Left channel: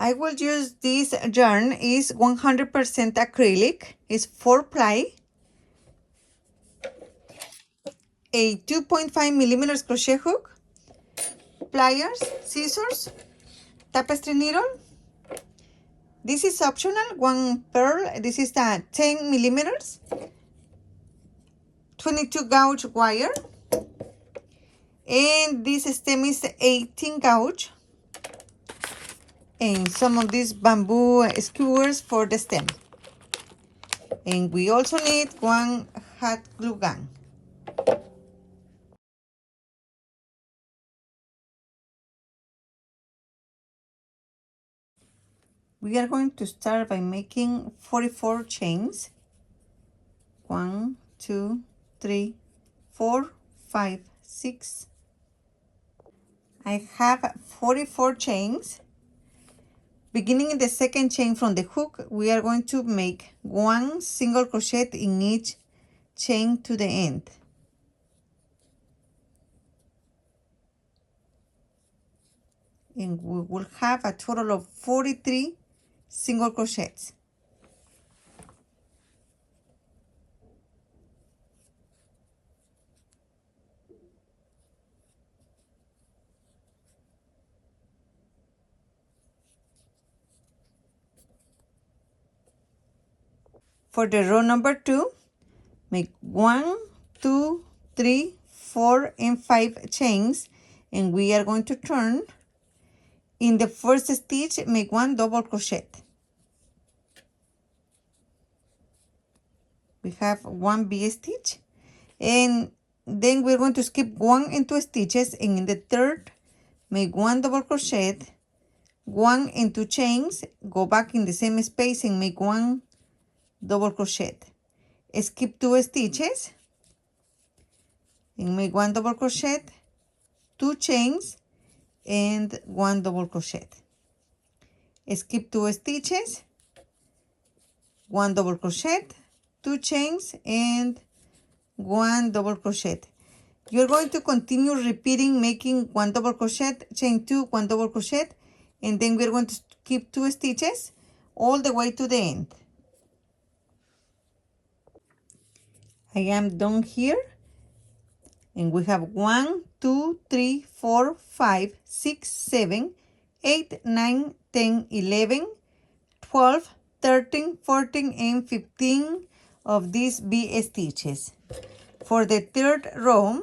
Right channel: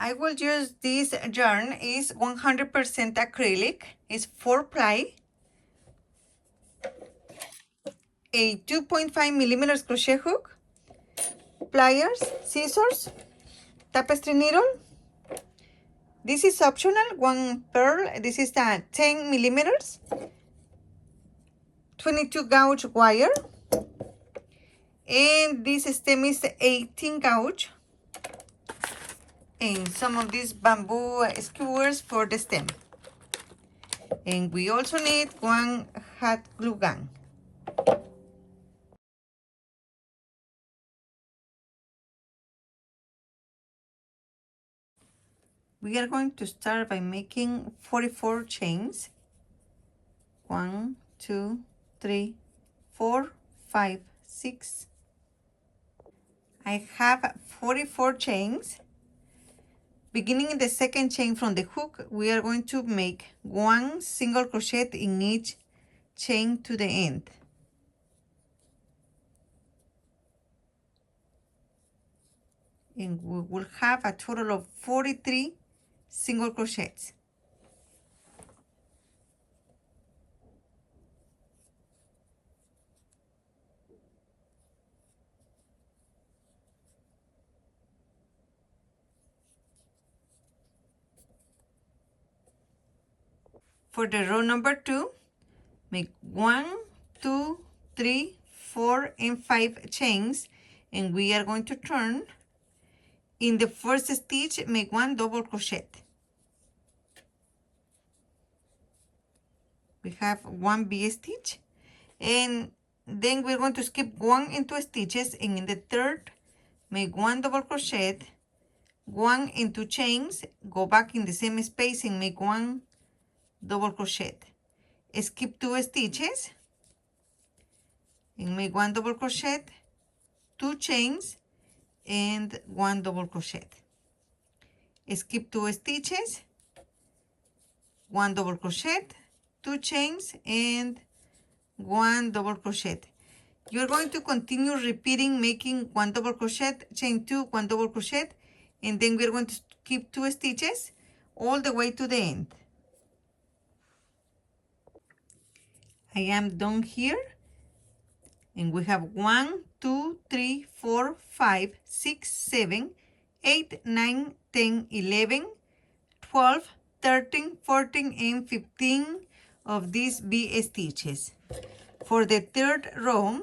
I will use this yarn is 100% acrylic. It's 4-ply, a 2.5 millimeters crochet hook, pliers, scissors, tapestry needle. This is optional, one pearl. This is the 10 millimeters, 22 gauge wire, and this stem is 18 gauge, and some of these bamboo skewers for the stem. And we also need one hot glue gun. We are going to start by making 44 chains. 1, 2, 3, 4, 5, 6. I have 44 chains. Beginning in the second chain from the hook, we are going to make 1 single crochet in each chain to the end. And we will have a total of 43 single crochets. For the row number 2, make 1, 2, 3, 4, and 5 chains, and we are going to turn. In the first stitch, make 1 double crochet. We have 1 V stitch, and then we're going to skip 1 and 2 stitches, and in the third, make 1 double crochet, 1 and 2 chains, go back in the same space and make 1 double crochet. Skip 2 stitches and make 1 double crochet, 2 chains, and 1 double crochet. Skip 2 stitches, 1 double crochet, 2 chains, and 1 double crochet. You're going to continue repeating, making 1 double crochet, chain 2, 1 double crochet, and then we're going to skip 2 stitches all the way to the end. I am done here, and we have 1, 2, 3, 4, 5, 6, 7, 8, 9, 10, 11, 12, 13, 14, and 15 of these V stitches. For the third row,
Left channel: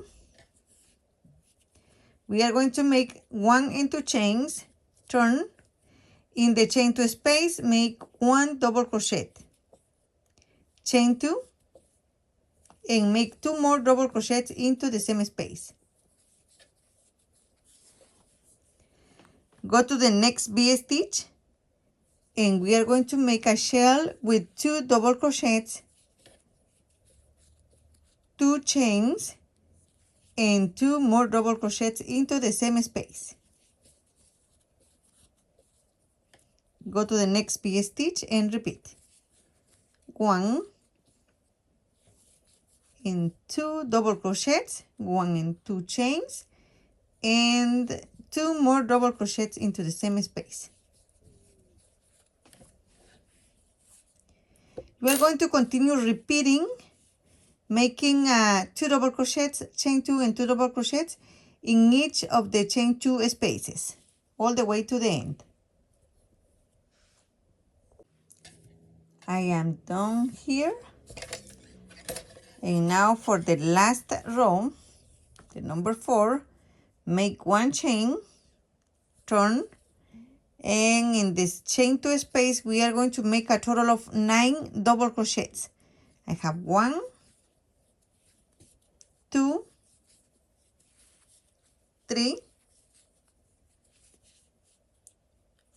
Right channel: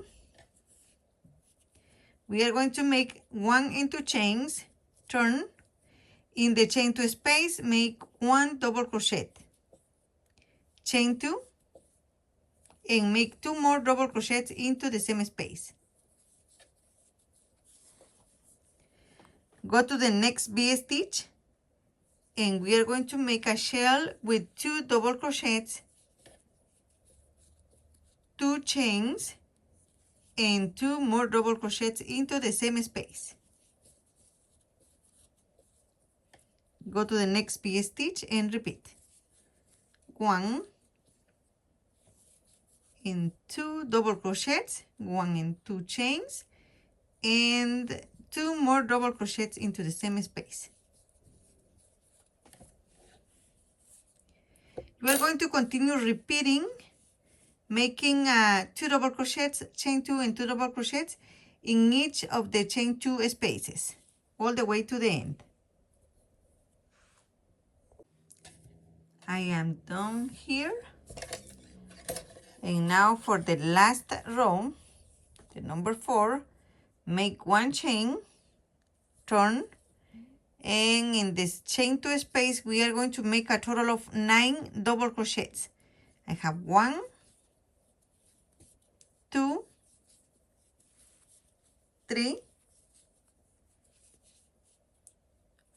we are going to make 1 and 2 chains, turn. In the chain 2 space, make 1 double crochet, chain 2, and make 2 more double crochets into the same space. Go to the next V stitch, and we are going to make a shell with 2 double crochets, 2 chains, and 2 more double crochets into the same space. Go to the next V stitch and repeat. 1 and 2 double crochets, 1 and 2 chains, and 2 more double crochets into the same space. We're going to continue repeating, making 2 double crochets, chain 2, and 2 double crochets in each of the chain 2 spaces, all the way to the end. I am done here. And now for the last row, the number 4, make 1 chain, turn, and in this chain 2 space, we are going to make a total of 9 double crochets. I have 1, 2, 3,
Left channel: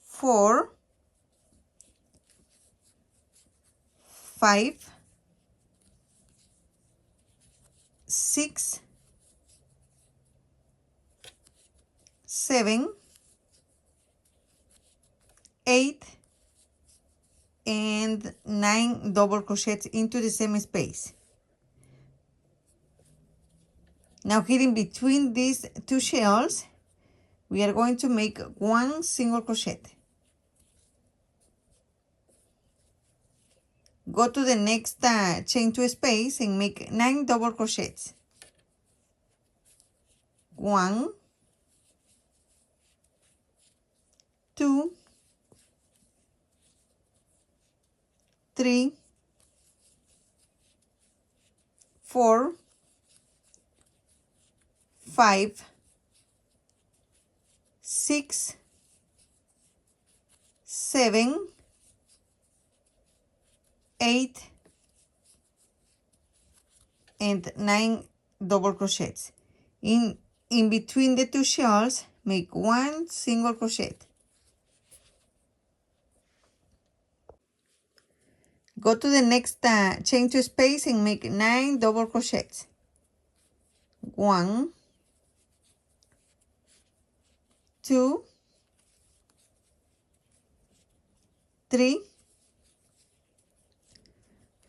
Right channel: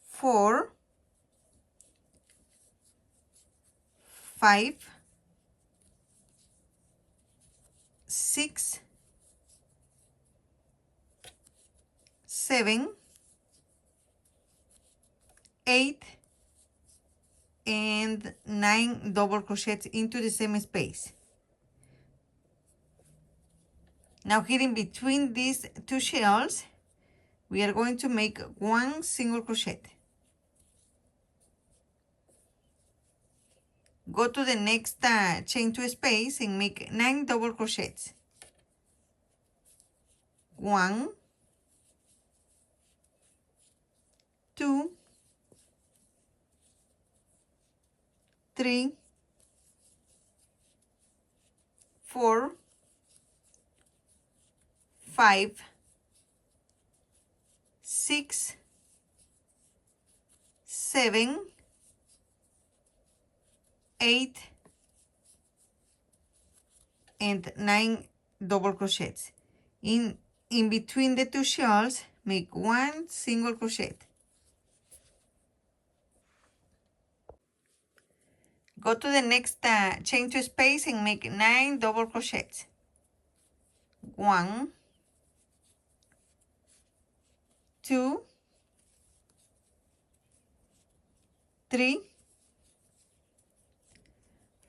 4, 5, 6, 7, 8, and 9 double crochets into the same space. Now here in between these 2 shells, we are going to make 1 single crochet. go to the next chain to space and make 9 double crochets. 1, 2, 3, 4, 5, 6, 7, 8, and 9 double crochets. In between the two shells, make 1 single crochet. Go to the next chain to space and make 9 double crochets. 1, 2, 3,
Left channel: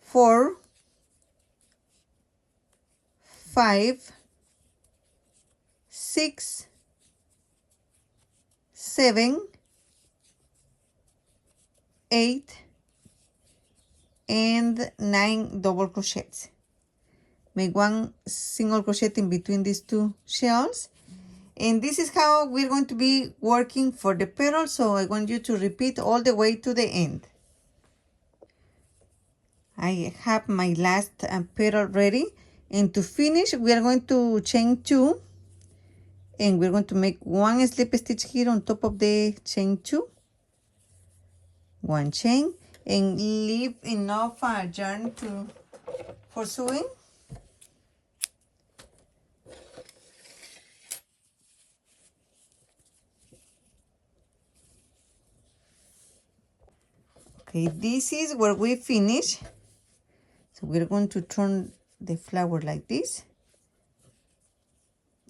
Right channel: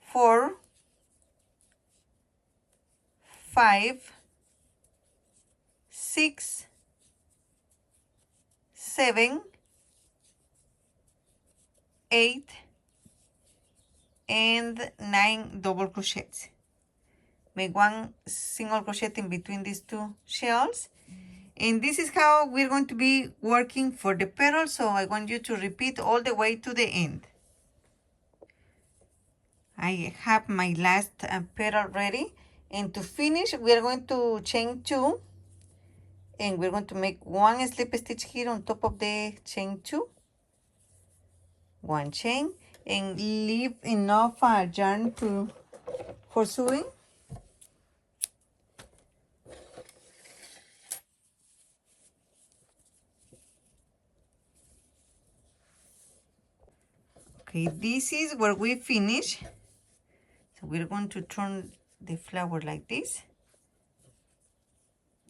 4, 5, 6, 7, 8, and 9 double crochets. Make 1 single crochet in between these two shells. And this is how we're going to be working for the petals, so I want you to repeat all the way to the end. I have my last petal ready, and to finish we are going to chain 2, and we're going to make 1 slip stitch here on top of the chain 2, 1 chain, and leave enough yarn for sewing. Okay, this is where we finish. So we're going to turn the flower like this.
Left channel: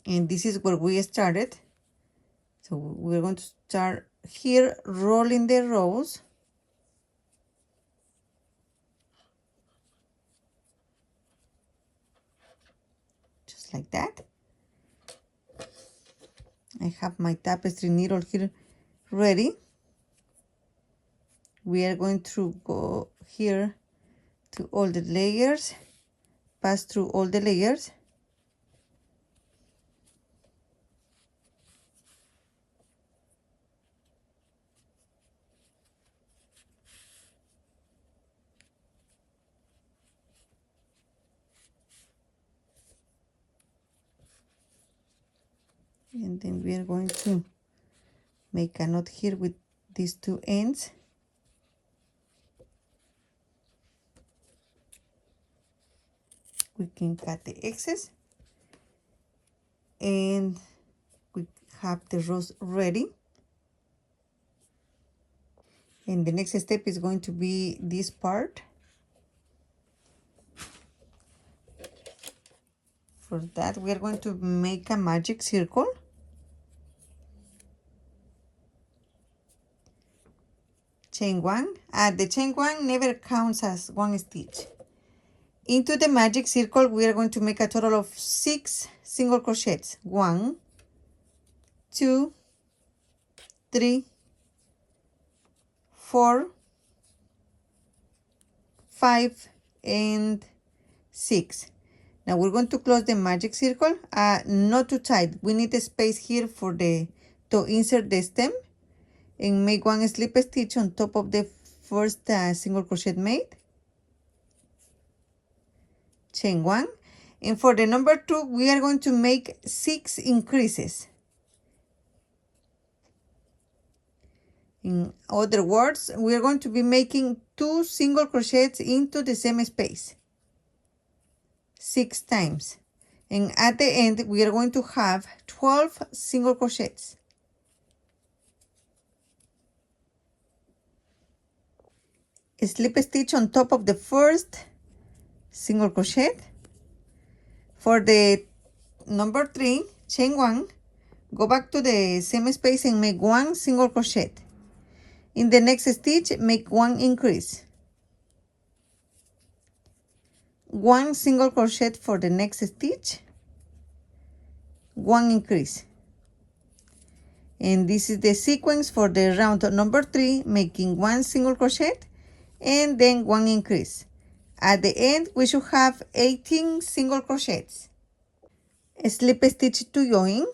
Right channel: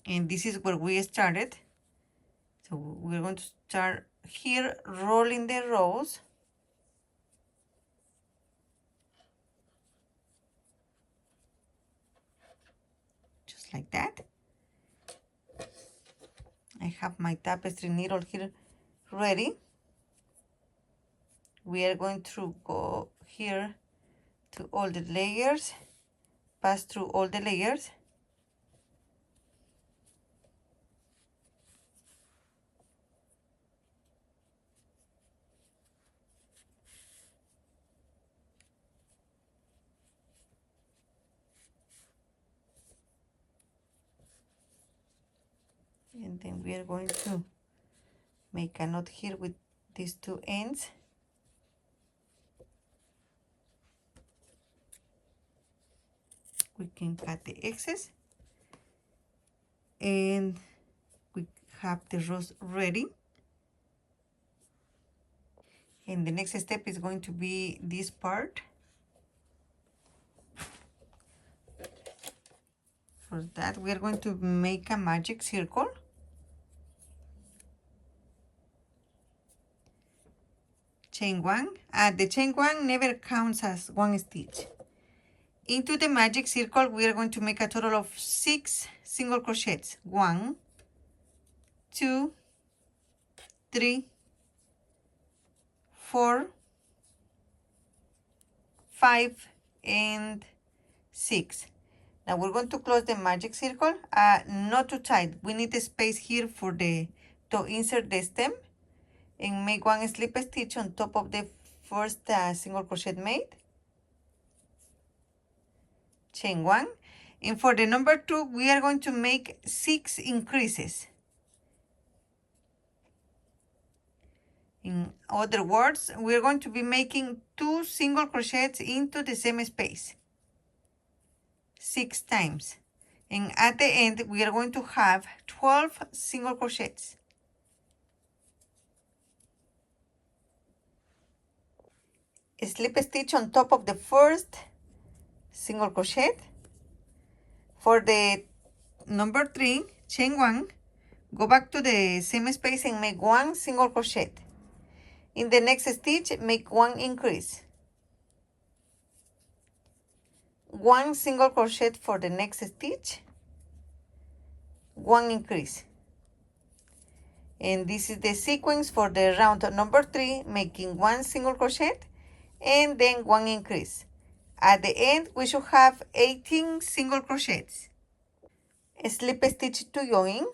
And this is where we started. So we're going to start here rolling the rose. Just like that. I have my tapestry needle here ready. We are going to go here to all the layers, pass through all the layers. And then we are going to make a knot here with these two ends. We can cut the excess, and we have the rose ready. And the next step is going to be this part. For that, we are going to make a magic circle. Chain 1. The chain 1 never counts as 1 stitch. Into the magic circle, we are going to make a total of 6 single crochets. 1, 2, 3, 4, 5, and 6. Now we're going to close the magic circle, not too tight. We need a space here for to insert the stem, and make 1 slip stitch on top of the first single crochet made. Chain 1, and for the number 2 we are going to make 6 increases. In other words, we are going to be making 2 single crochets into the same space 6 times, and at the end we are going to have 12 single crochets. A slip stitch on top of the first single crochet. For the number 3, chain 1, go back to the same space and make 1 single crochet. In the next stitch, make 1 increase. 1 single crochet for the next stitch, 1 increase. And this is the sequence for the round number 3, making 1 single crochet and then 1 increase. At the end, we should have 18 single crochets. Slip stitch to join.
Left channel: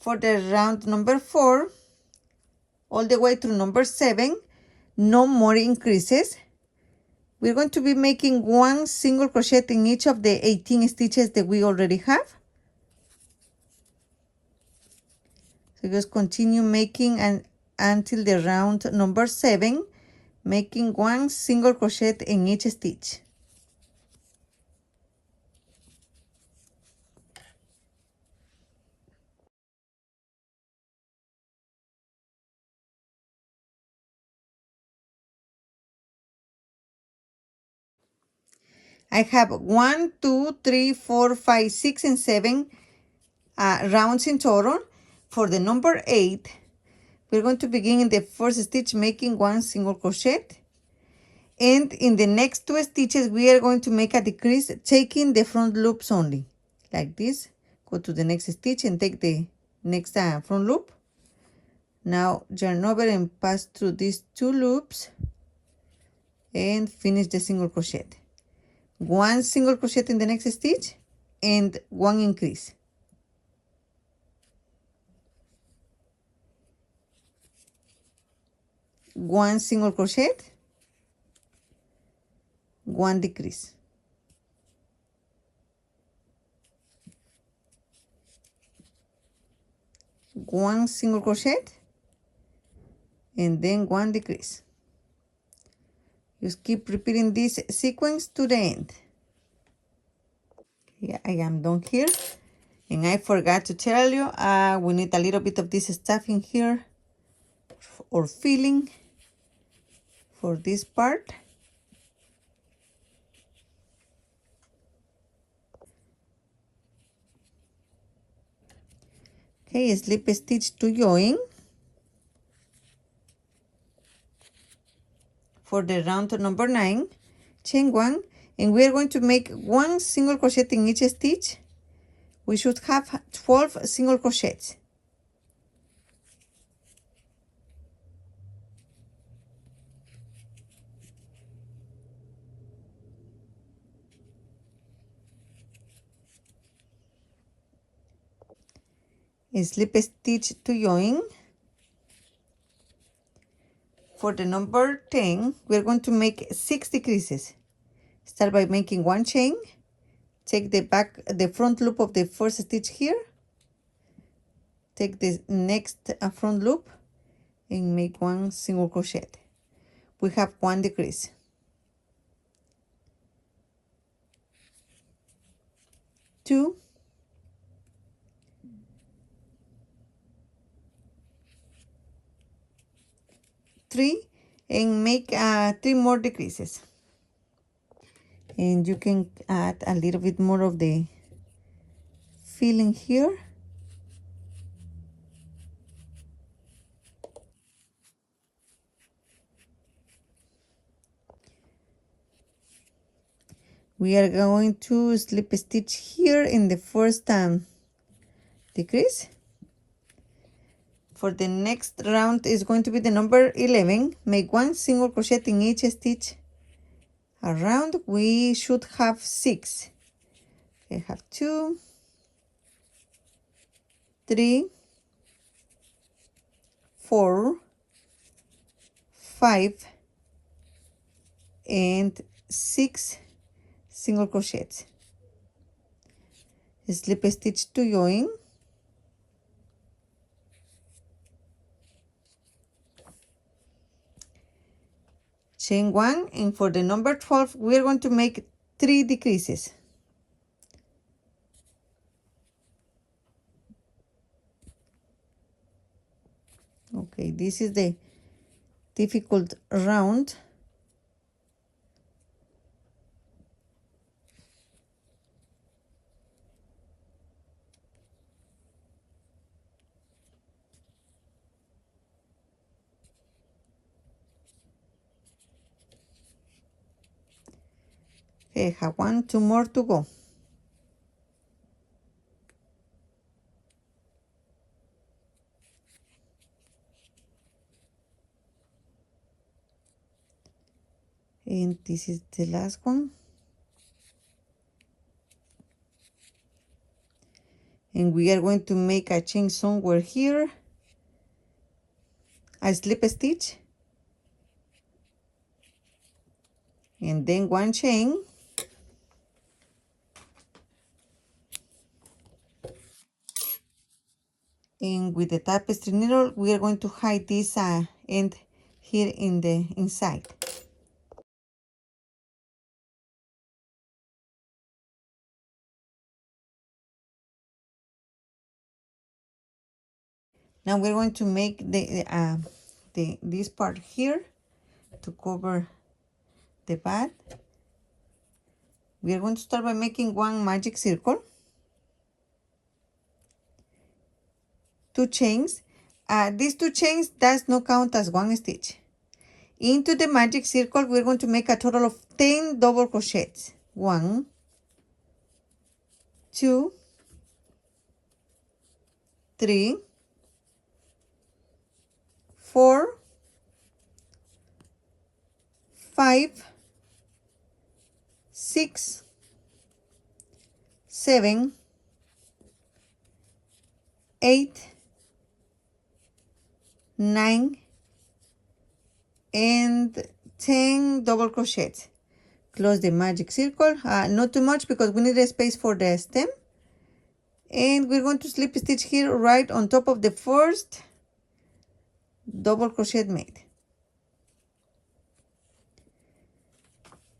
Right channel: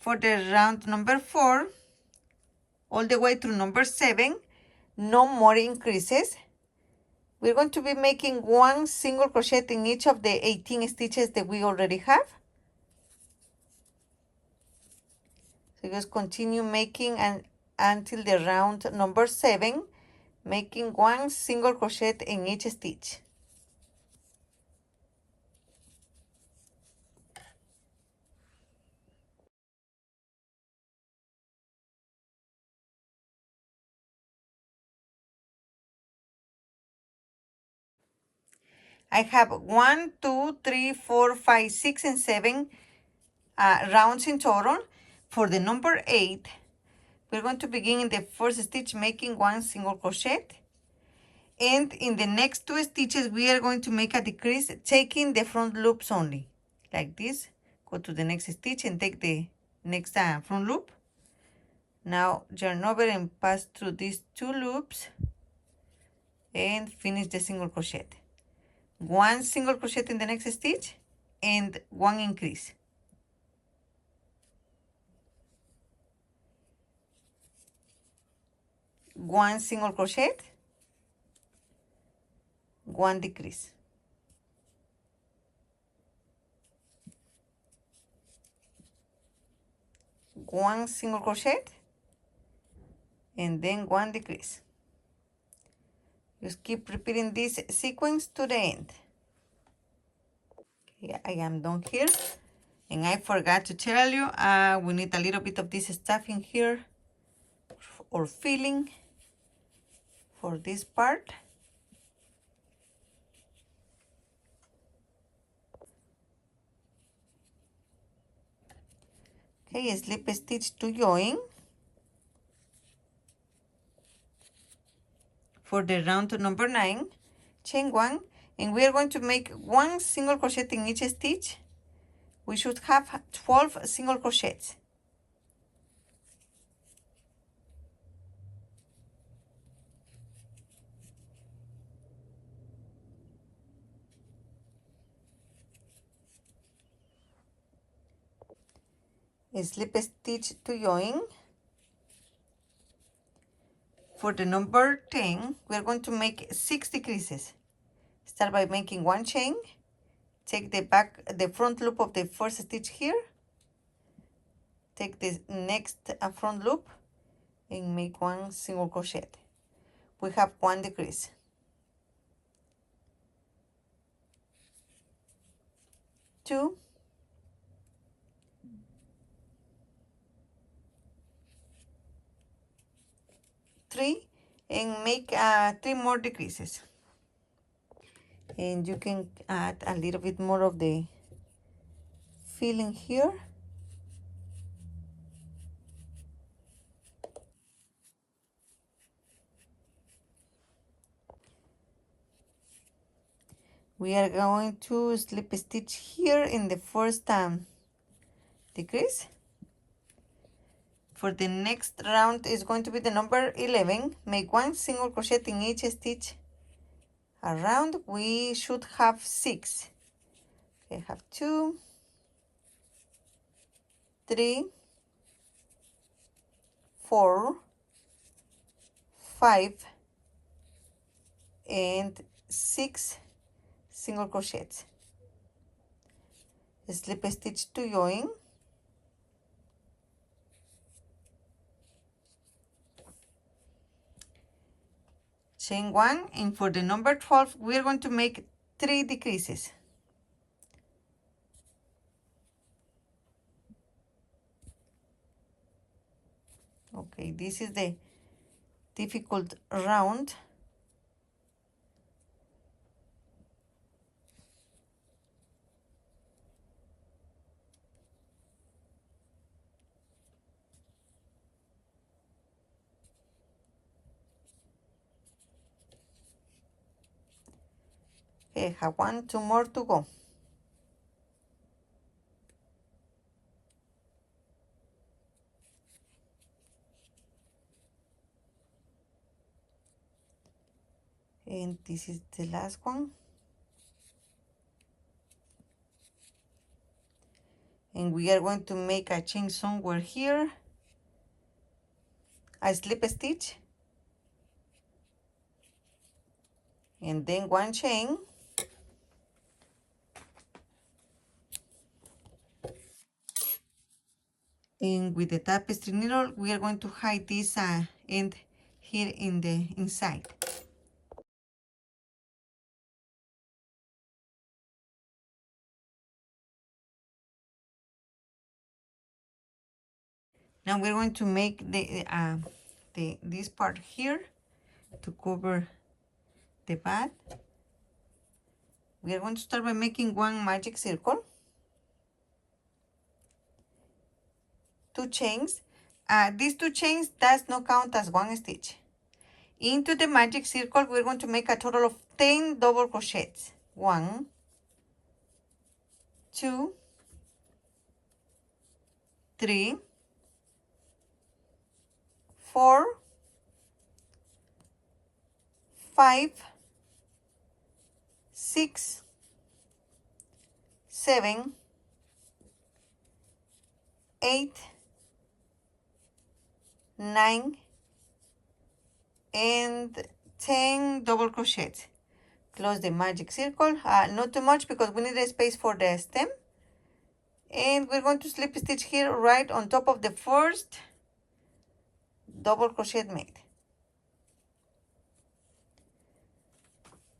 For the round number 4, all the way through number 7, no more increases. We're going to be making 1 single crochet in each of the 18 stitches that we already have. So just continue making until the round number 7, making 1 single crochet in each stitch. I have 1, 2, 3, 4, 5, 6, and 7 rounds in total. For the number 8, we're going to begin in the first stitch making 1 single crochet. And in the next 2 stitches, we are going to make a decrease, taking the front loops only. Like this. Go to the next stitch and take the next front loop. Now yarn over and pass through these 2 loops and finish the single crochet. 1 single crochet in the next stitch and 1 increase. One single crochet, 1 decrease. One single crochet and then 1 decrease. Just keep repeating this sequence to the end. Yeah, I am done here. And I forgot to tell you, we need a little bit of this stuff in here or filling for this part. Okay, slip stitch to join. For the round number 9, chain 1, and we are going to make 1 single crochet in each stitch. We should have 12 single crochets. Slip stitch to join. For the number 10, we're going to make 6 decreases. Start by making 1 chain, take the front loop of the first stitch here, take the next front loop and make 1 single crochet. We have 1 decrease. Two, three, and make 3 more decreases. And you can add a little bit more of the filling here. We are going to slip stitch here in the first decrease. For the next round is going to be the number 11. Make 1 single crochet in each stitch around. We should have 6. We have 2, 3, 4, 5, and 6 single crochets. Slip stitch to join. Chain 1, and for the number 12 we're going to make 3 decreases. Okay, this is the difficult round. I have 1, 2 more to go. And this is the last one. And we are going to make a chain somewhere here, a slip stitch, and then one chain, and with the tapestry needle we are going to hide this end here in the inside. Now we're going to make this part here to cover the bag. We are going to start by making one magic circle, 2 chains. These 2 chains does not count as one stitch. Into the magic circle we're going to make a total of 10 double crochets. 1, 2, 3, 4, 5, 6, 7, 8, 9, and 10 double crochets. Close the magic circle, not too much because we need a space for the stem. And we're going to slip stitch here right on top of the first double crochet made.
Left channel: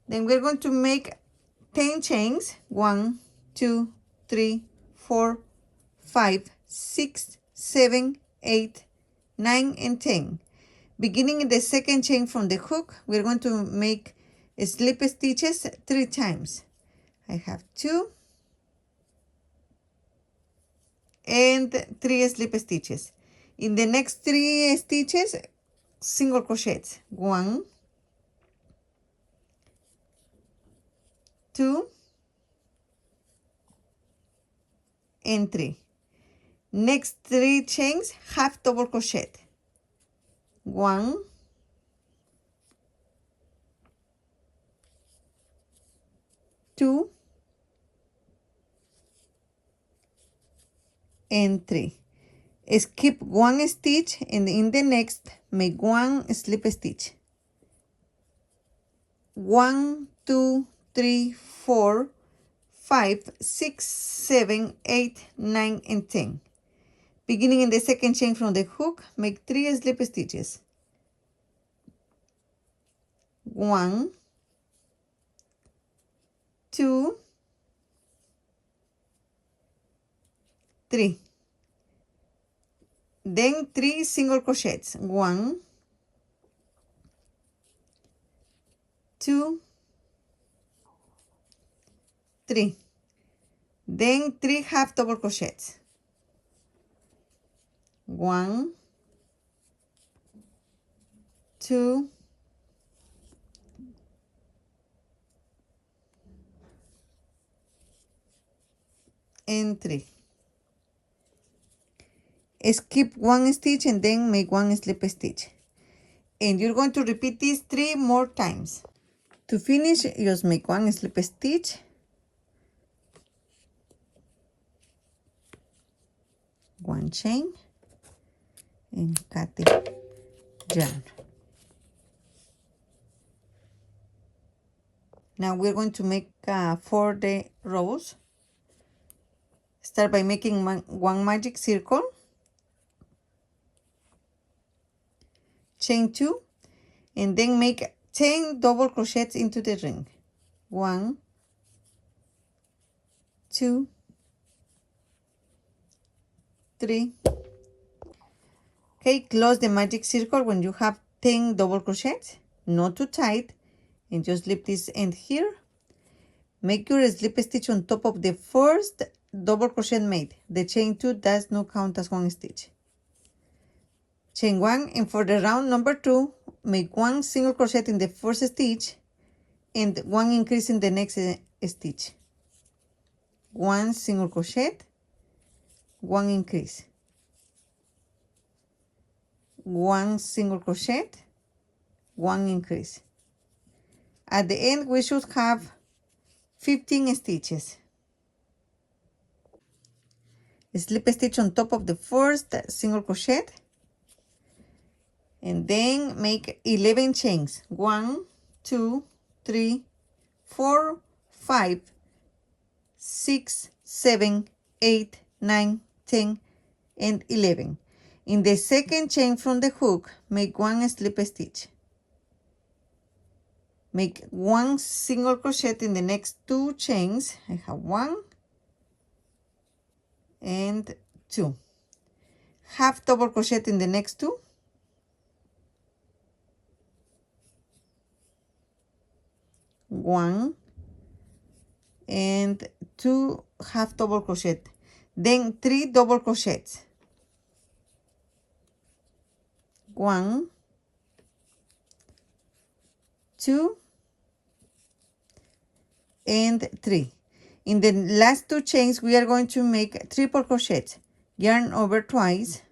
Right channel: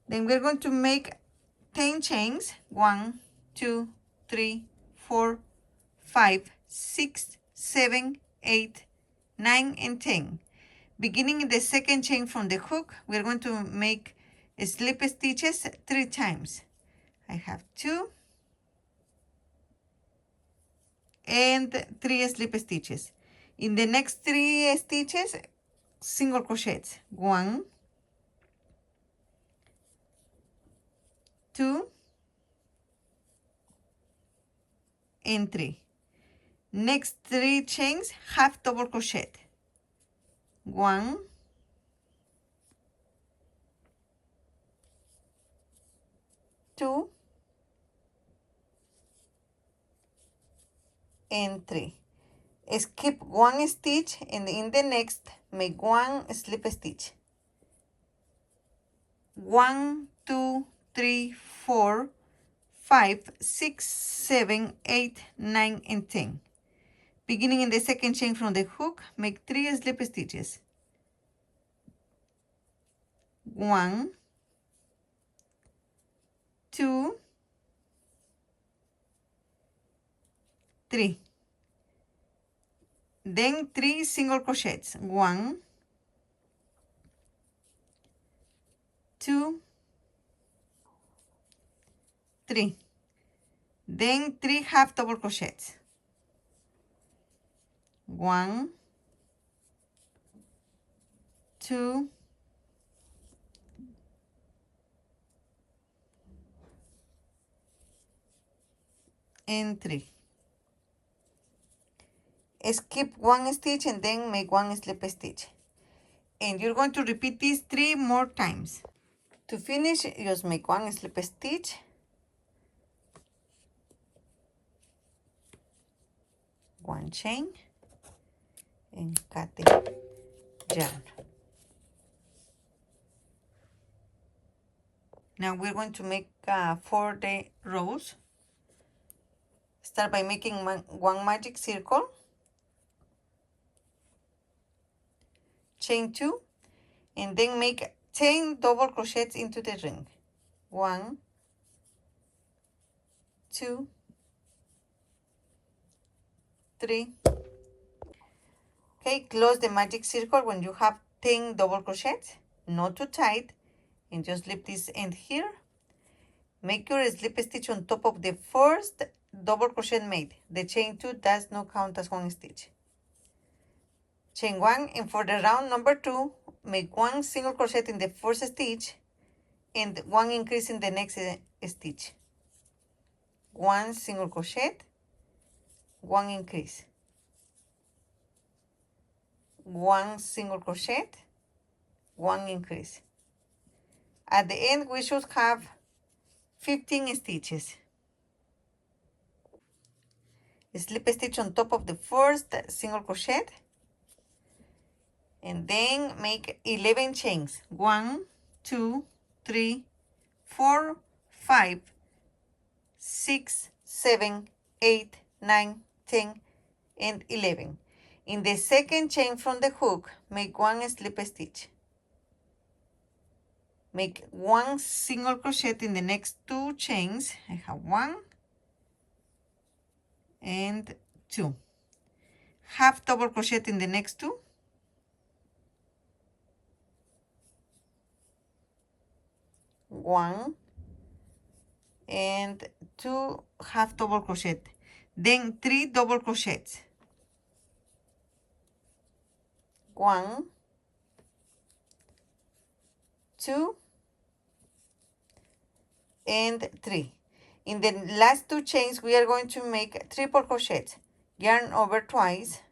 Then we're going to make 10 chains. 1, 2, 3, 4, 5, 6, 7, 8, 9, and 10. Beginning in the second chain from the hook, we're going to make slip stitches 3 times. I have 2 and 3 slip stitches. In the next 3 stitches, single crochets. 1, 2, and 3. Next 3 chains, half double crochet. 1, 2, and 3. Skip 1 stitch and in the next make 1 slip stitch. 1, 2, 3, 4, 5, 6, 7, 8, 9, and 10. Beginning in the second chain from the hook, make 3 slip stitches. 1, 2, 3. Then 3 single crochets. 1, 2, 3. Then 3 half double crochets. 1, 2, and 3. Skip 1 stitch and then make 1 slip stitch. And you're going to repeat this 3 more times. To finish, just make 1 slip stitch, one chain, and cut the yarn. Now we're going to make for the rose. Start by making one magic circle, chain 2, and then make 10 double crochets into the ring. 1, 2, 3. Okay, close the magic circle when you have 10 double crochets, not too tight, and just slip this end here. Make your slip stitch on top of the first double crochet made. The chain 2 does not count as 1 stitch. Chain 1, and for the round number 2, make 1 single crochet in the first stitch and 1 increase in the next stitch. 1 single crochet, 1 increase. 1 single crochet, 1 increase. At the end, we should have 15 stitches. Slip stitch on top of the first single crochet, and then make 11 chains. 1, 2, 3, 4, 5, 6, 7, 8, 9, 10, and 11. In the second chain from the hook, make 1 slip stitch. Make 1 single crochet in the next 2 chains. I have 1 and 2. Half double crochet in the next 2. 1 and 2 half double crochet, then 3 double crochets. 1, 2, and 3. In the last 2 chains, we are going to make triple crochets. Yarn over twice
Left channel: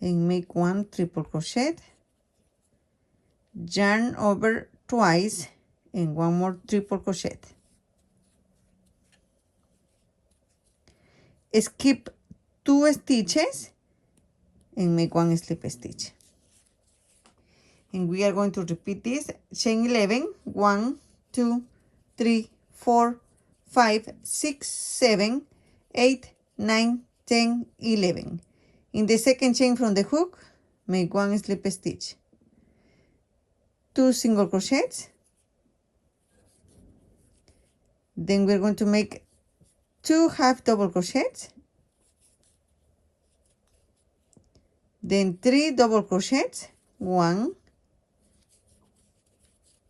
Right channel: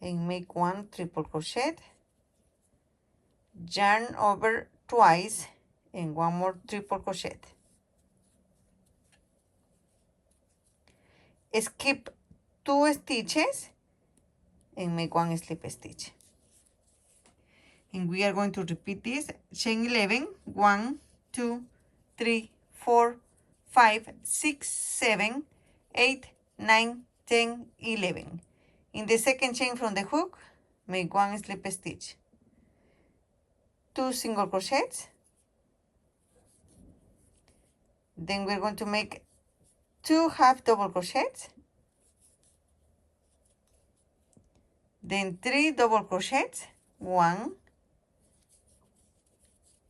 and make 1 triple crochet. Yarn over twice and 1 more triple crochet. Skip 2 stitches and make 1 slip stitch. And we are going to repeat this. Chain 11, 1, 2, 3, 4, 5, 6, 7, 8, 9, 10, 11. In the second chain from the hook, make 1 slip stitch. 2 single crochets. Then we're going to make 2 half double crochets. Then 3 double crochets. 1,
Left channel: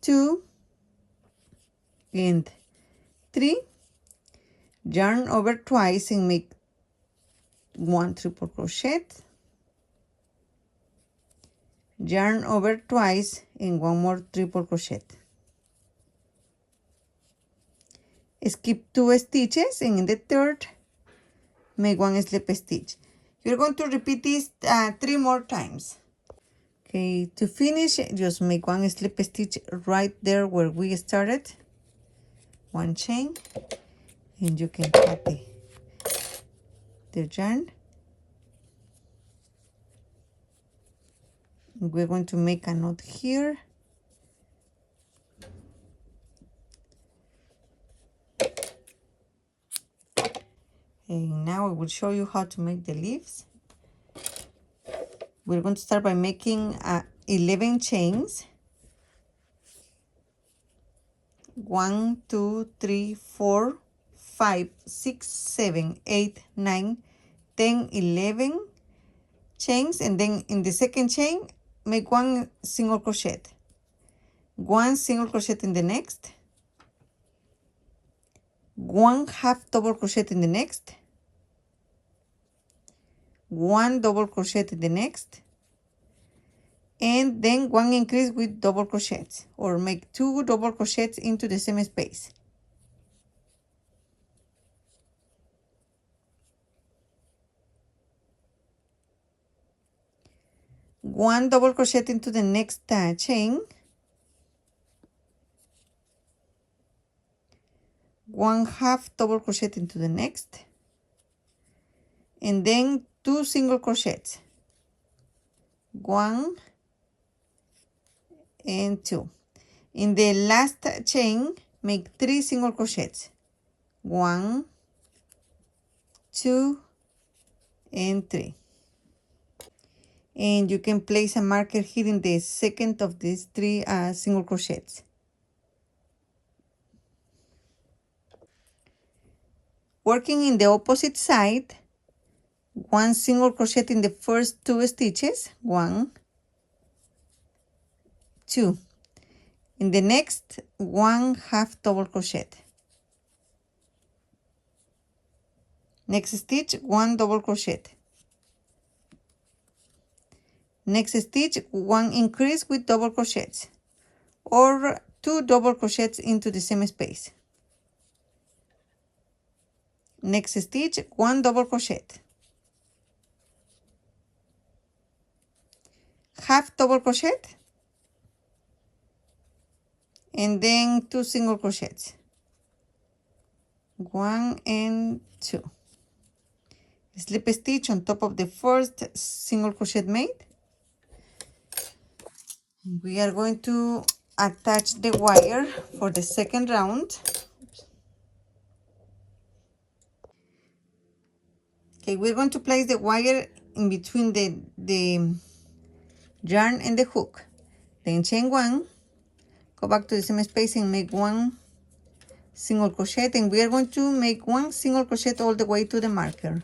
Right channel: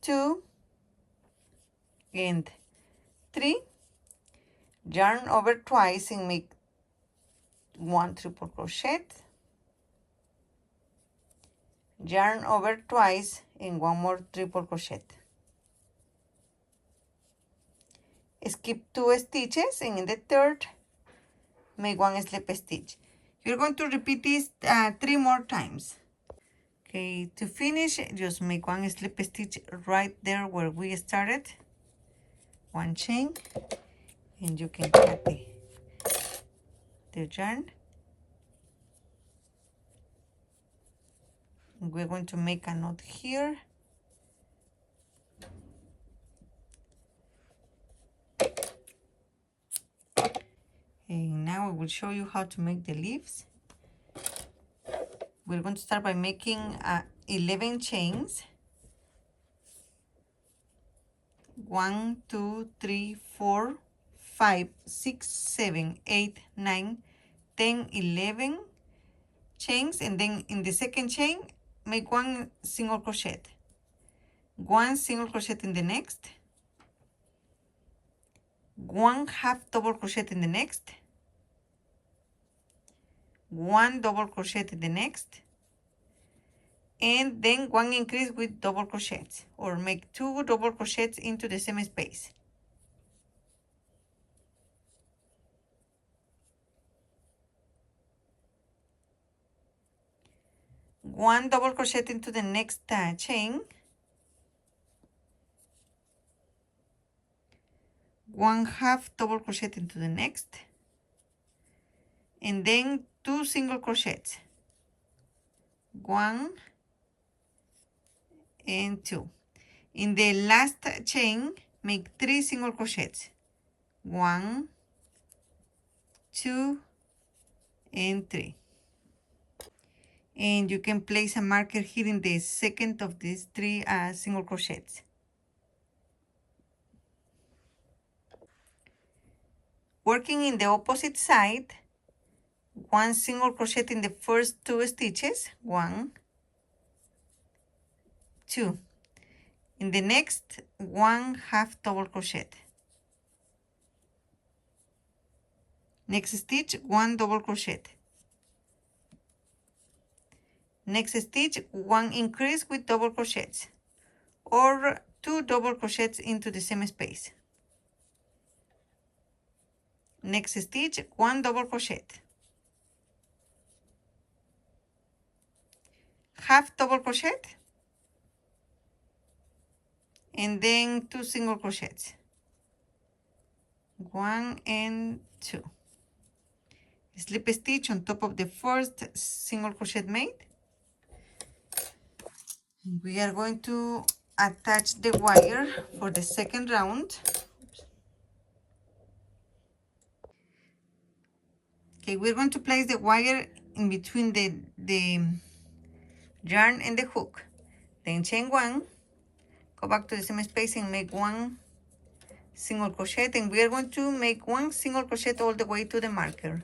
2, and 3. Yarn over twice and make 1 triple crochet. Yarn over twice and 1 more triple crochet. Skip 2 stitches, and in the third, make 1 slip stitch. You're going to repeat this 3 more times. Okay, to finish, just make 1 slip stitch right there where we started. 1 chain, and you can cut the yarn. We're going to make a knot here. And now I will show you how to make the leaves. We're going to start by making 11 chains. 1, 2, 3, 4, 5, 6, 7, 8, 9, 10, 11 chains, and then in the second chain, make 1 single crochet. 1 single crochet in the next. 1 half double crochet in the next. 1 double crochet in the next. And then 1 increase with double crochets, or make 2 double crochets into the same space. One double crochet into the next chain. 1 half double crochet into the next, and then 2 single crochets. 1 and 2. In the last chain, make 3 single crochets. 1, 2, and 3. And you can place a marker here in the second of these 3 single crochets. Working in the opposite side, 1 single crochet in the first 2 stitches. 1, 2. In the next, 1 half double crochet. Next stitch, 1 double crochet. Next stitch, 1 increase with double crochets, or 2 double crochets into the same space. Next stitch, 1 double crochet. Half double crochet. and then 2 single crochets, 1 and 2. Slip stitch on top of the first single crochet made. We are going to attach the wire for the second round. Okay, we're going to place the wire in between the yarn and the hook. Then chain 1, go back to the same space and make 1 single crochet, and we are going to make 1 single crochet all the way to the marker.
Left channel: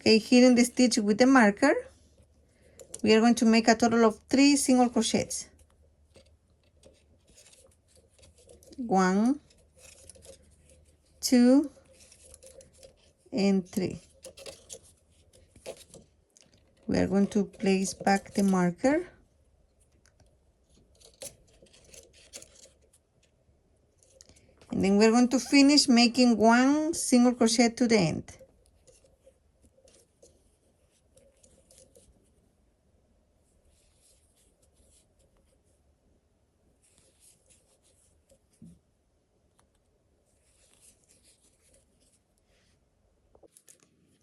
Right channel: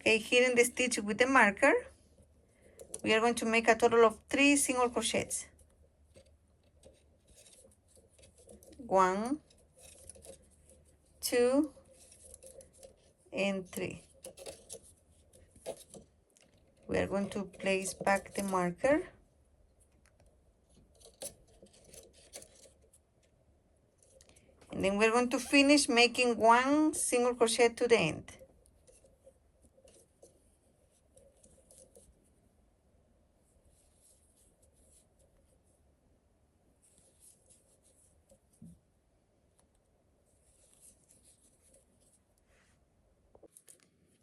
Okay, here in the stitch with the marker, we are going to make a total of 3 single crochets. 1, 2, and 3. We are going to place back the marker. And then we're going to finish making 1 single crochet to the end.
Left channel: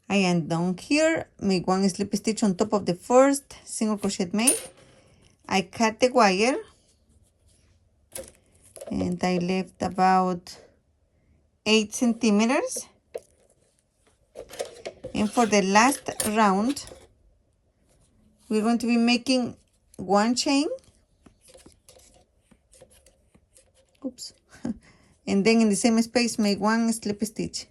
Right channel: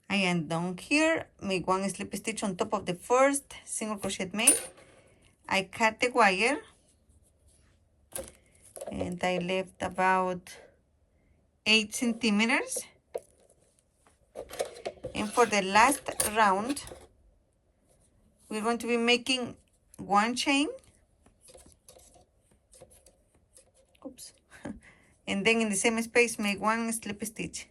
I am done here. Make 1 slip stitch on top of the first single crochet made. I cut the wire and I left about 8 centimeters. And for the last round, we're going to be making 1 chain. Oops. And then in the same space, make 1 slip stitch.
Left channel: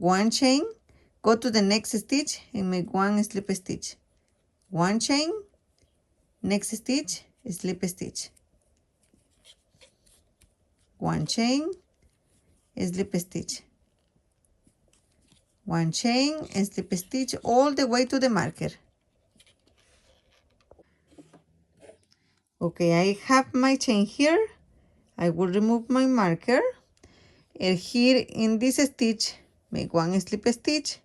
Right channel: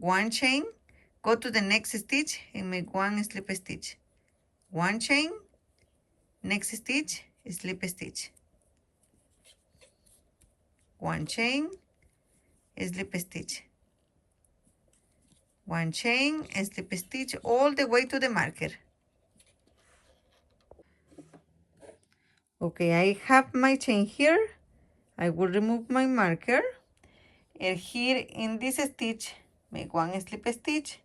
1 chain, go to the next stitch and make 1 slip stitch. 1 chain, next stitch, slip stitch. 1 chain, slip stitch. 1 chain and slip stitch all the way to the marker. Okay, I have my chain here. I will remove my marker, and here in this stitch, make 1 slip stitch,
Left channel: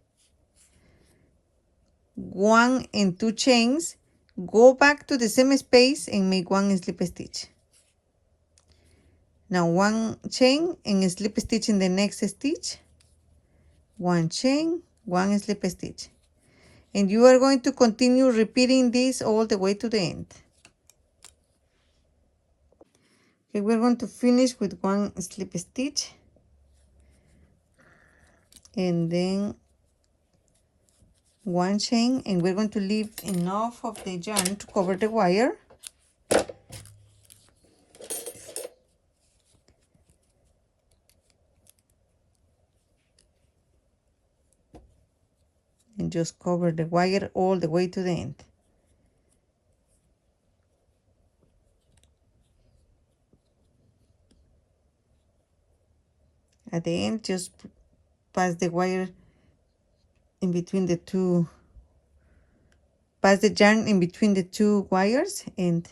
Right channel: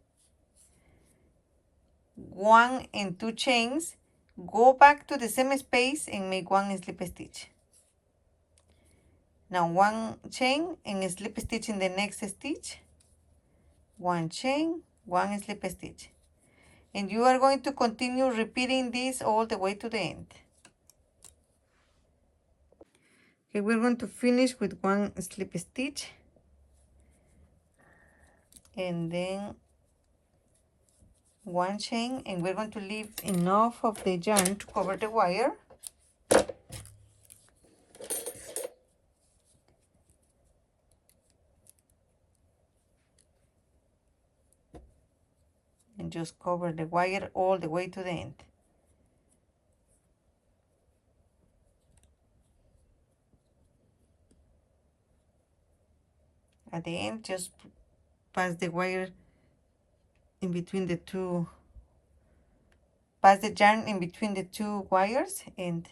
1 and 2 chains, go back to the same space and make 1 slip stitch. Now 1 chain and slip stitch in the next stitch, 1 chain, 1 slip stitch. And you are going to continue repeating this all the way to the end. Okay, we're going to finish with 1 slip stitch. And then 1 chain, and we're going to leave enough of the yarn to cover the wire. And just cover the wire all the way to the end. At the end, just pass the wire in between the two, pass the yarn in between the 2 wires and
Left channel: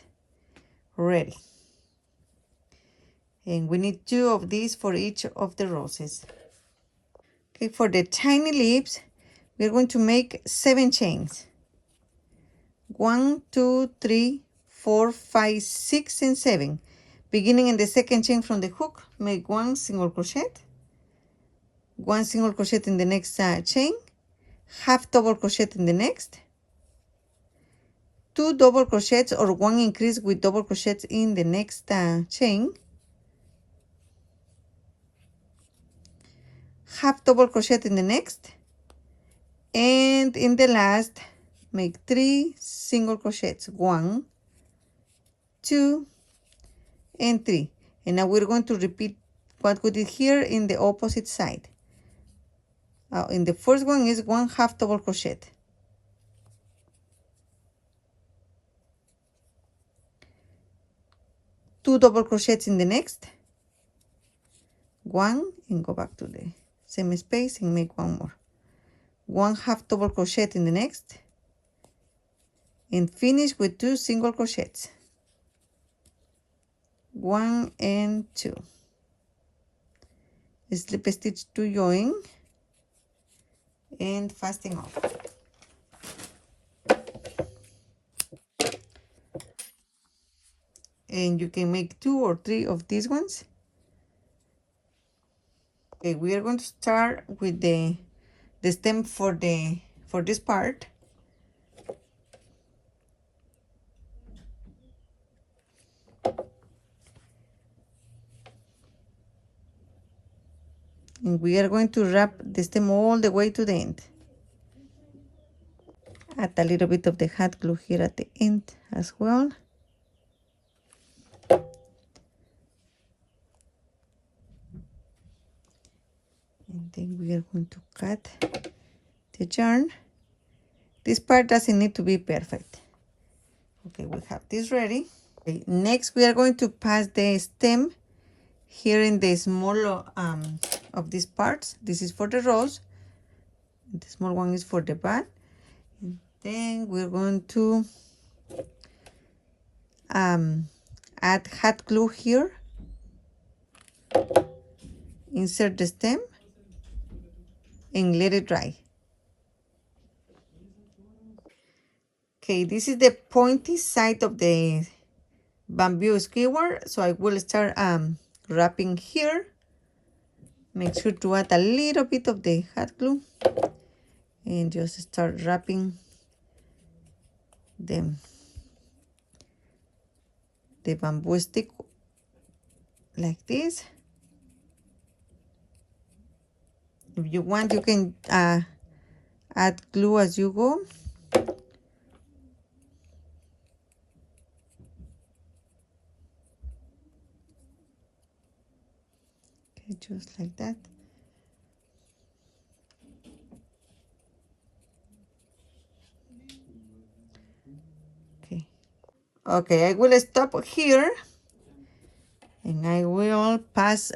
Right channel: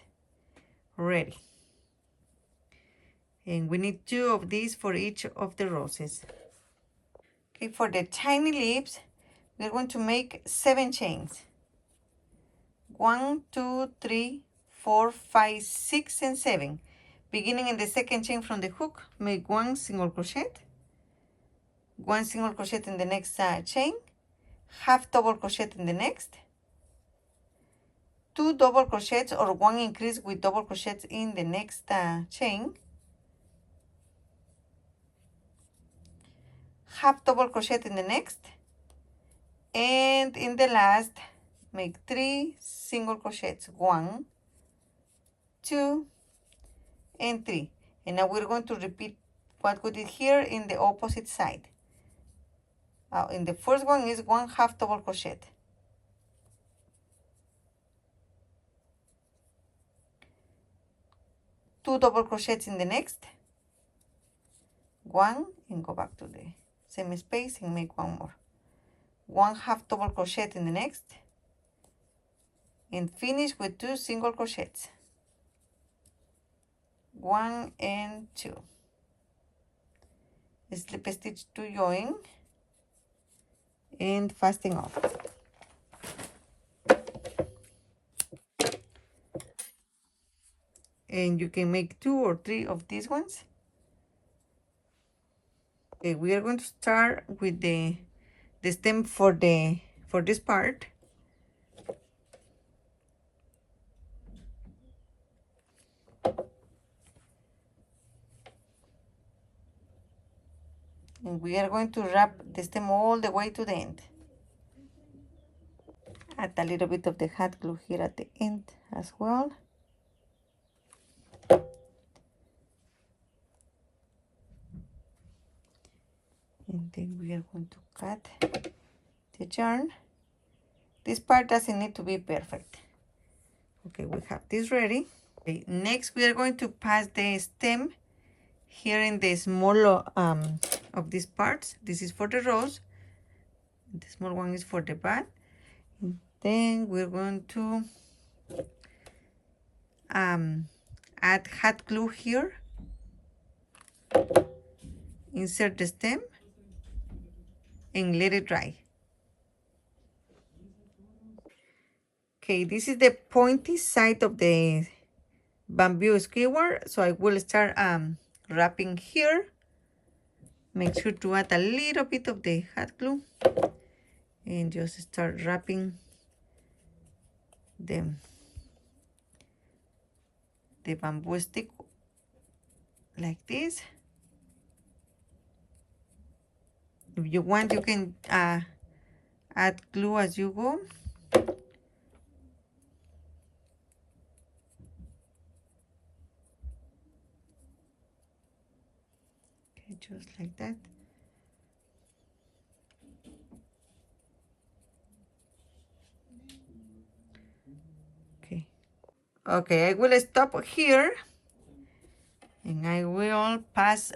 ready. And we need 2 of these for each of the roses. Okay, for the tiny leaves, we're going to make 7 chains. 1, 2, 3, 4, 5, 6, and 7. Beginning in the second chain from the hook, make 1 single crochet, 1 single crochet in the next chain, half double crochet in the next, 2 double crochets or 1 increase with double crochets in the next chain, half double crochet in the next, and in the last make 3 single crochets, 1, 2, and 3. And now we're going to repeat what we did here in the opposite side. In the first one is 1 half double crochet, 2 double crochets in the next, 1, and go back to the same space and make 1 more, 1 half double crochet in the next, and finish with 2 single crochets, 1 and 2, slip stitch to join and fasten off. and you can make 2 or 3 of these ones. Okay, we are going to start with the stem for this part. And we are going to wrap the stem all the way to the end. Add a little bit of the hot glue here at the end as well. And then we are going to cut the yarn. This part doesn't need to be perfect. Okay, we have this ready. Okay, next we are going to pass the stem here in the small of these parts. This is for the rose. The small one is for the bud. And then we're going to add hot glue here. Insert the stem and let it dry. Okay, this is the pointy side of the bamboo skewer, so I will start wrapping here. Make sure to add a little bit of the hot glue and just start wrapping the bamboo stick like this. If you want, you can add glue as you go. Okay, just like that. Okay, I will stop here and I will pass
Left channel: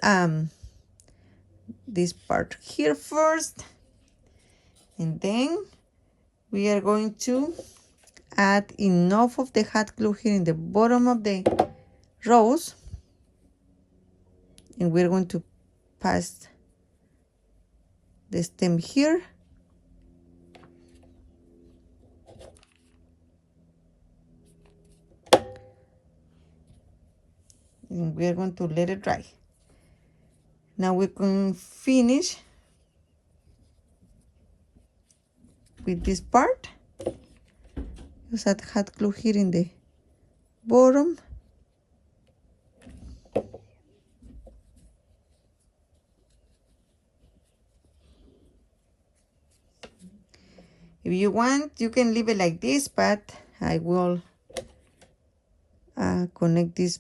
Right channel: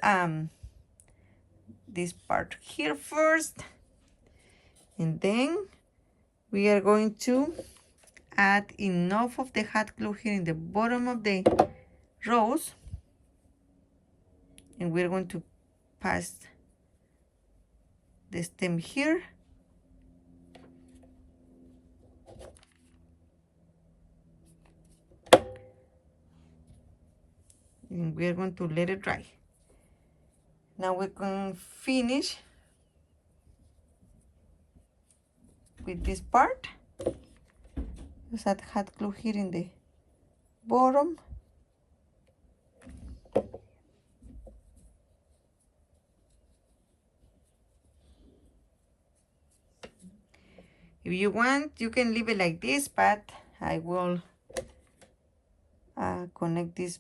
this part here first, and then we are going to add enough of the hot glue here in the bottom of the rose, and we're going to pass the stem here. And we are going to let it dry. Now we can finish with this part. Just add hot glue here in the bottom. If you want, you can leave it like this, but I will connect this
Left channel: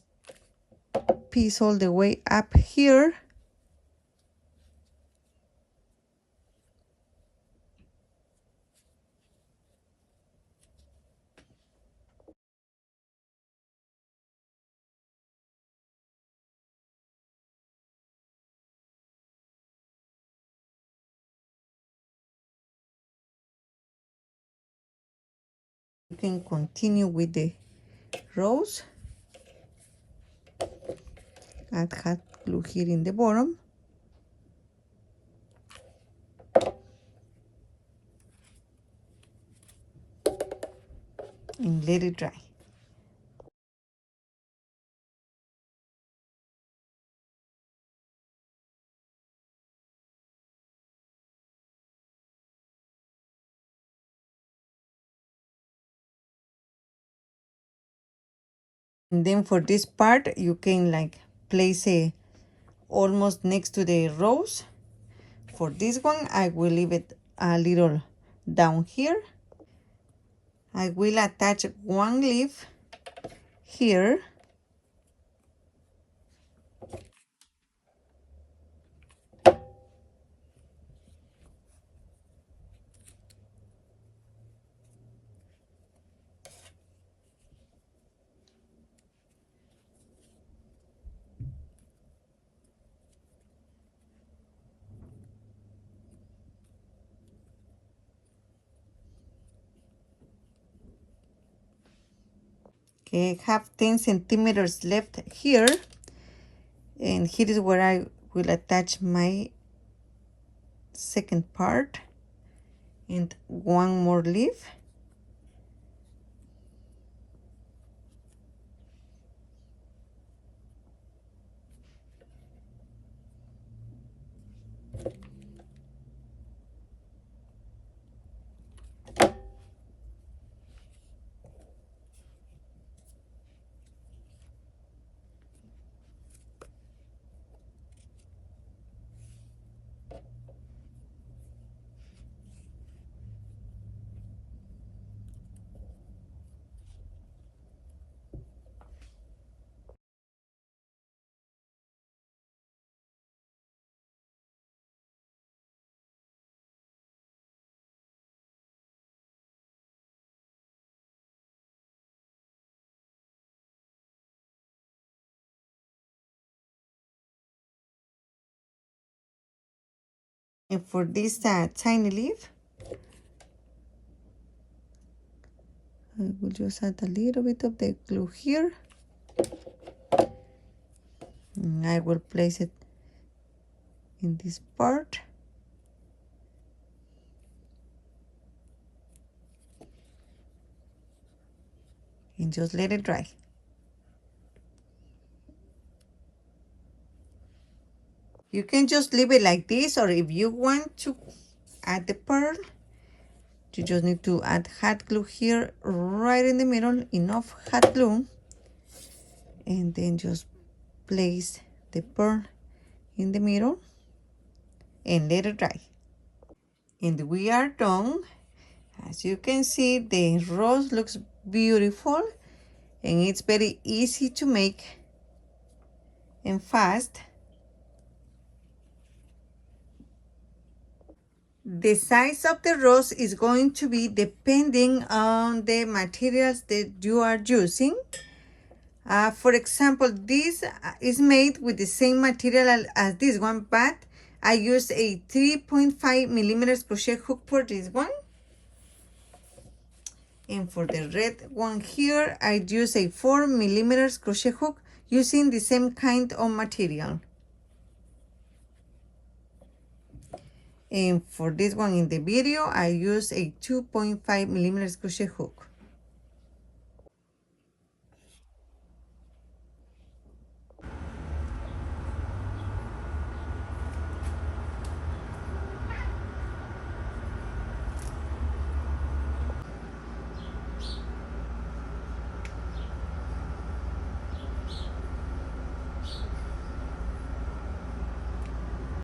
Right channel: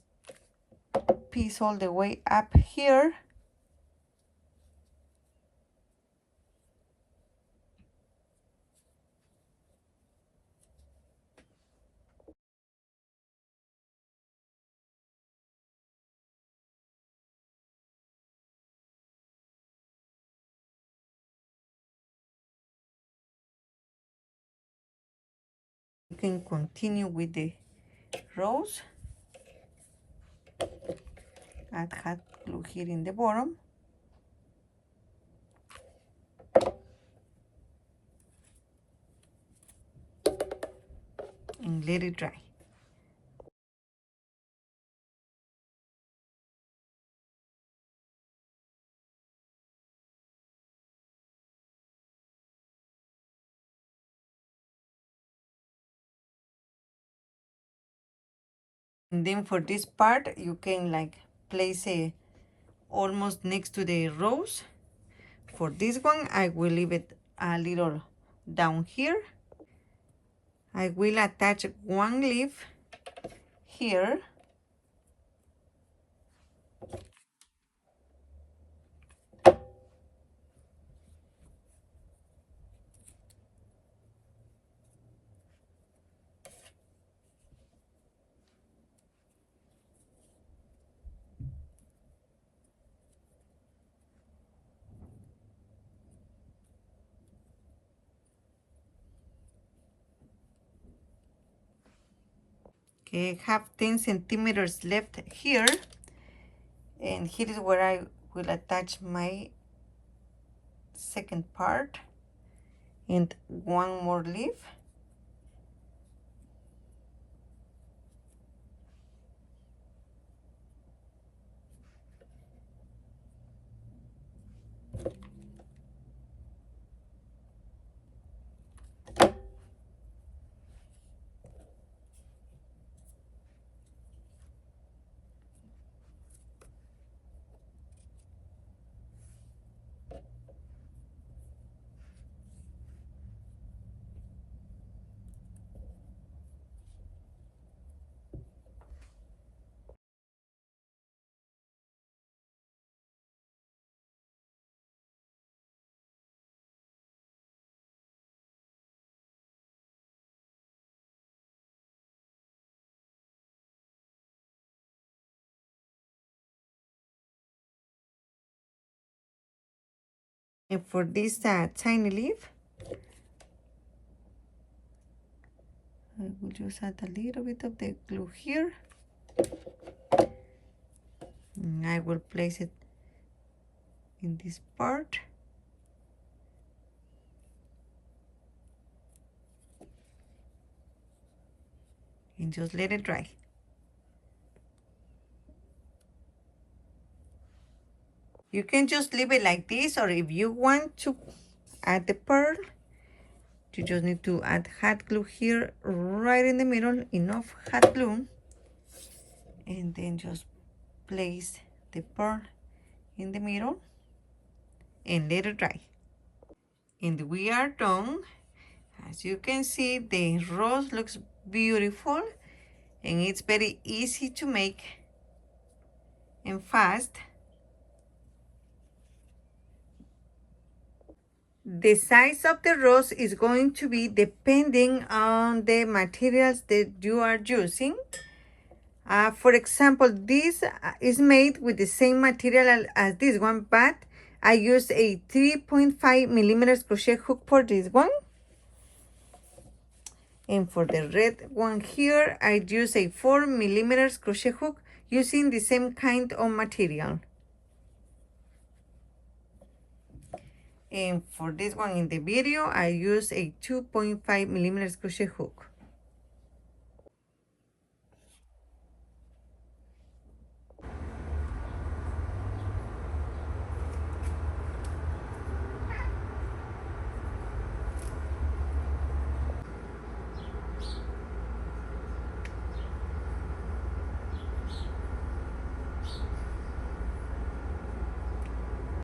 piece all the way up here. You can continue with the rose. Add hot glue here in the bottom. And let it dry. And then for this part, you can like place it almost next to the rose. For this one, I will leave it a little down here. I will attach one leaf here. Okay, I have 10 centimeters left here. And here is where I will attach my second part and one more leaf. And for this tiny leaf, I will just add a little bit of the glue here. And I will place it in this part. And just let it dry. You can just leave it like this, or if you want to add the pearl, you just need to add hot glue here right in the middle, enough hot glue, and then just place the pearl in the middle and let it dry. And we are done. As you can see, the rose looks beautiful and it's very easy to make and fast. The size of the rose is going to be depending on the materials that you are using. For example, this is made with the same material as this one, but I use a 3.5 millimeters crochet hook for this one. And for the red one here, I use a 4 millimeters crochet hook using the same kind of material. And for this one in the video, I use a 2.5 millimeters crochet hook.